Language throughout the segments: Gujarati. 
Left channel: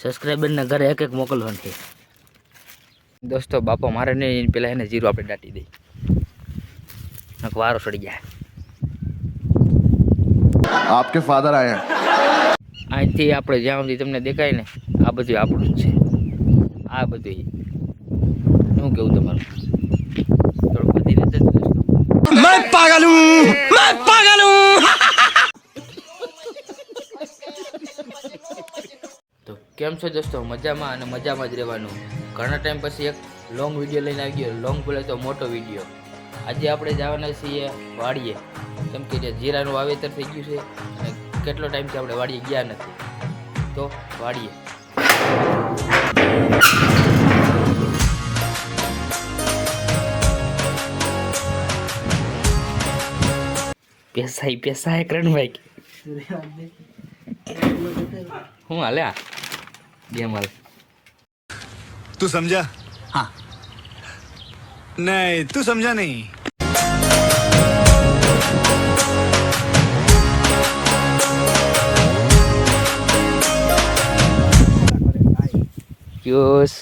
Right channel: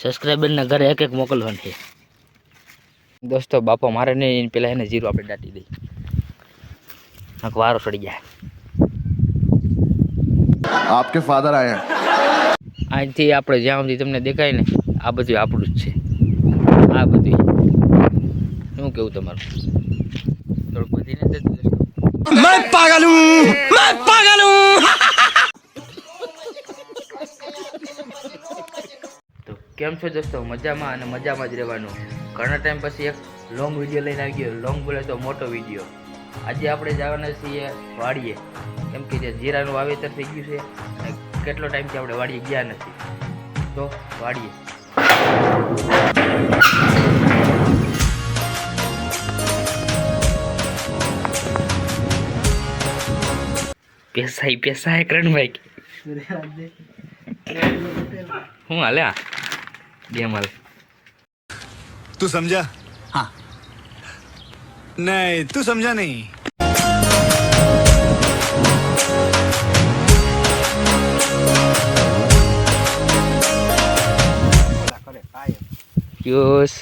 સબસ્ક્રાઈબરના ઘરે એક એક મોકલવાનું છે દોસ્તો. બાપા મારે નહીં, પેલા એને જીરો આપણે દાટી દઈ, વારો સડી ગયા. आपके फादर आए हैं. અહીંથી આપણે જ્યાં સુધી તમને દેખાય ને આ બધું આપણું જ છે. આ બધું શું કેવું તમારું? થોડુંક બધી રીતે मैं पागल हूँ, मैं पागल हूँ. તો કેમ છો દોસ્તો? મજામાં અને મજામાં જ રહેવાનું. ઘણા ટાઈમ પછી એક લોંગ વિડીયો લઈને આવી ગયો. લોંગ બોલે તો મોટો વિડીયો. આજે આપણે જવાના છીએ વાડીએ, કેમ કે જીરાનું વાવેતર થઈ ગયું છે અને કેટલો ટાઈમથી આપણે વાડીએ ગયા નથી. તો વાડીએ પેસાય કરણભાઈ હું હાલે આ ગેમ હાલે. तू समझा? हाँ. नहीं, तू समझा नहीं. યુસ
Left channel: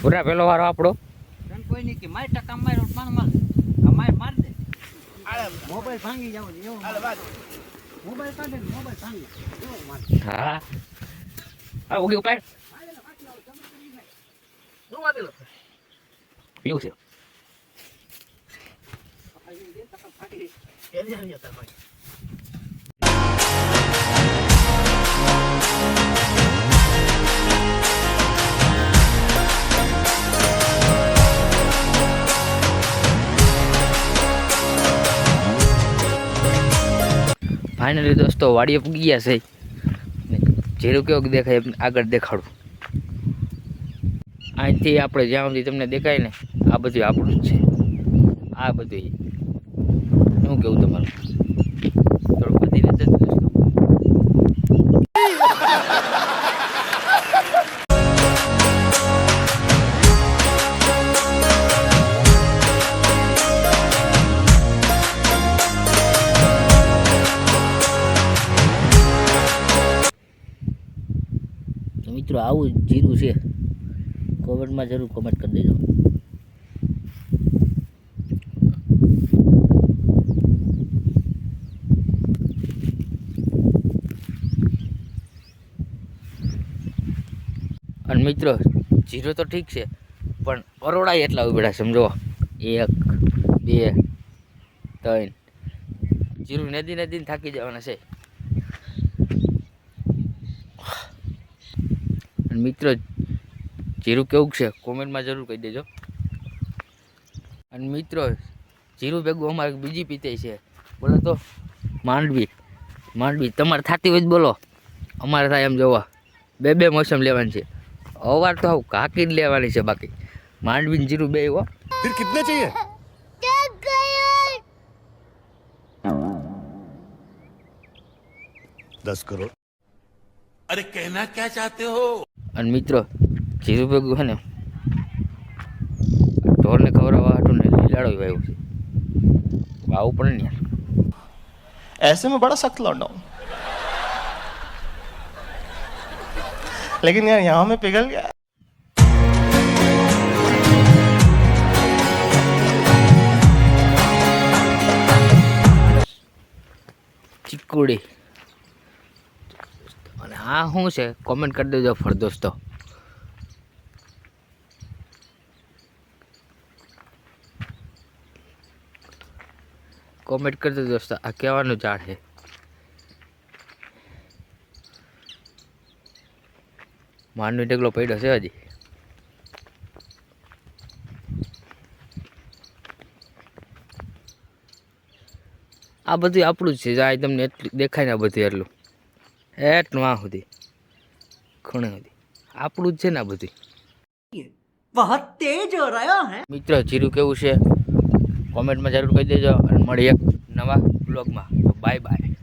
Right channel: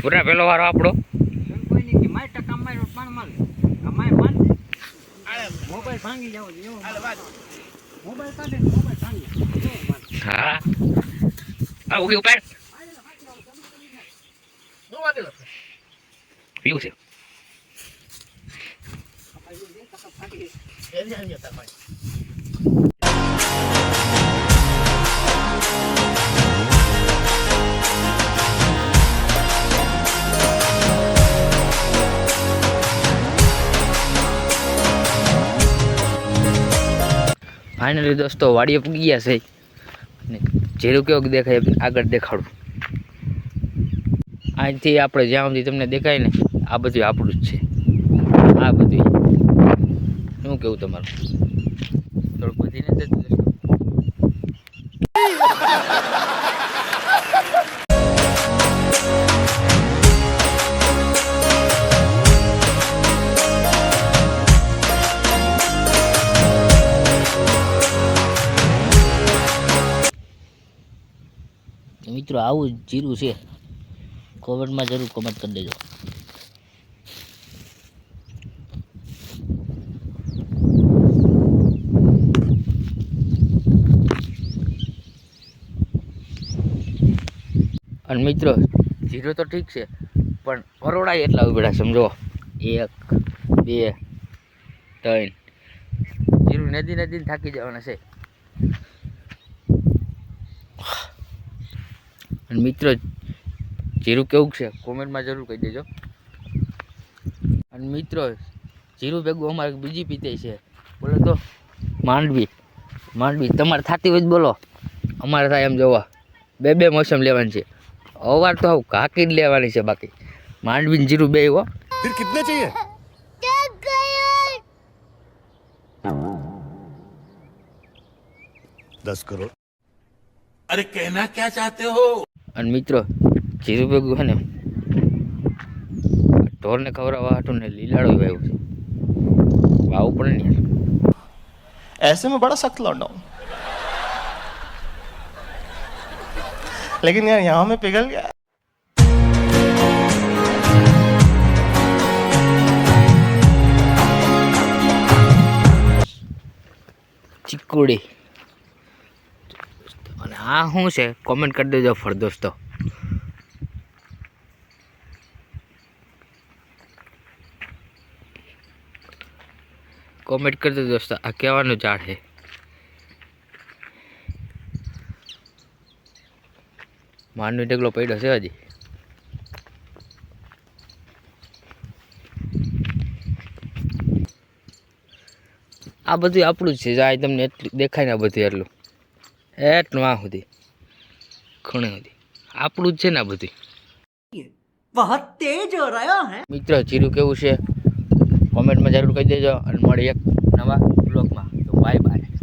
પૂરા પેલો વારો આપણો. હા આવું કેવું પાડ પીવું છે. ફાઇનલી દોસ્તો વાડીએ પૂગી ગયા છે. જીરું કેવું દેખાય આગળ દેખાડું. અહીંથી આપણે જ્યાં સુધી તમને દેખાય ને આ બધું આપણું જ છે. આ બધું શું કેવું તમારું? થોડુંક બધી રીતે દોસ્તો. મિત્રો આવું જીરું છે. કોમેન્ટમાં જરૂર કોમેન્ટ કરી દેજો. અને મિત્રો જીરો તો ઠીક છે પણ અરોડા એટલા ઉભેડા સમજો. 1 2 3 જીરું નદી થાકી જવાના છે. મિત્રો જીરું કેવું છે કોમેન્ટમાં જરૂર કહી દેજો. અને મિત્રો જીરું ભેગું અમારે બીજી પીતે છે. બોલો તો માંડવી તમારે થતી હોય બોલો. અમારે થાય એમ જોવા બે મોસમ લેવાની છે. અવાર તો આવું કાકી જ લેવાની છે. બાકી માંડવી ને જીરું બે હો. फिर कितने चाहिए? 10 करोड़. अरे कहना क्या चाहते हो? અને મિત્રો જીરું ભેગું છે ને ઢોરને ખવડાવવા હાટું ને લીલાડો વાવ્યો છે. વાવું પડે ને યાર. ऐसे में बड़ा सख्त लौंडा हूं, लेकिन यार यहाँ में पिघल गया. ચીકુડી. અને આ શું છે કોમેન્ટ કરી દેજો ફર દોસ્તો. કોમેન્ટ કરી દેજો દોસ્તો આ કહેવાનું ઝાડ છે. માંડવી ઢગલો પડ્યો છે હજી. આ બધું આપણું જ છે. આ તમને એટલું દેખાય ને આ બધું એટલું આ સુધી ખૂણે સુધી આપણું જ છે ને આ બધું. बहुत तेज हो रहा है. મિત્રો જીરું કેવું છે કોમેન્ટમાં જરૂર કહી દેજો. અને મળી એક નવા બ્લોગમાં. Bye bye.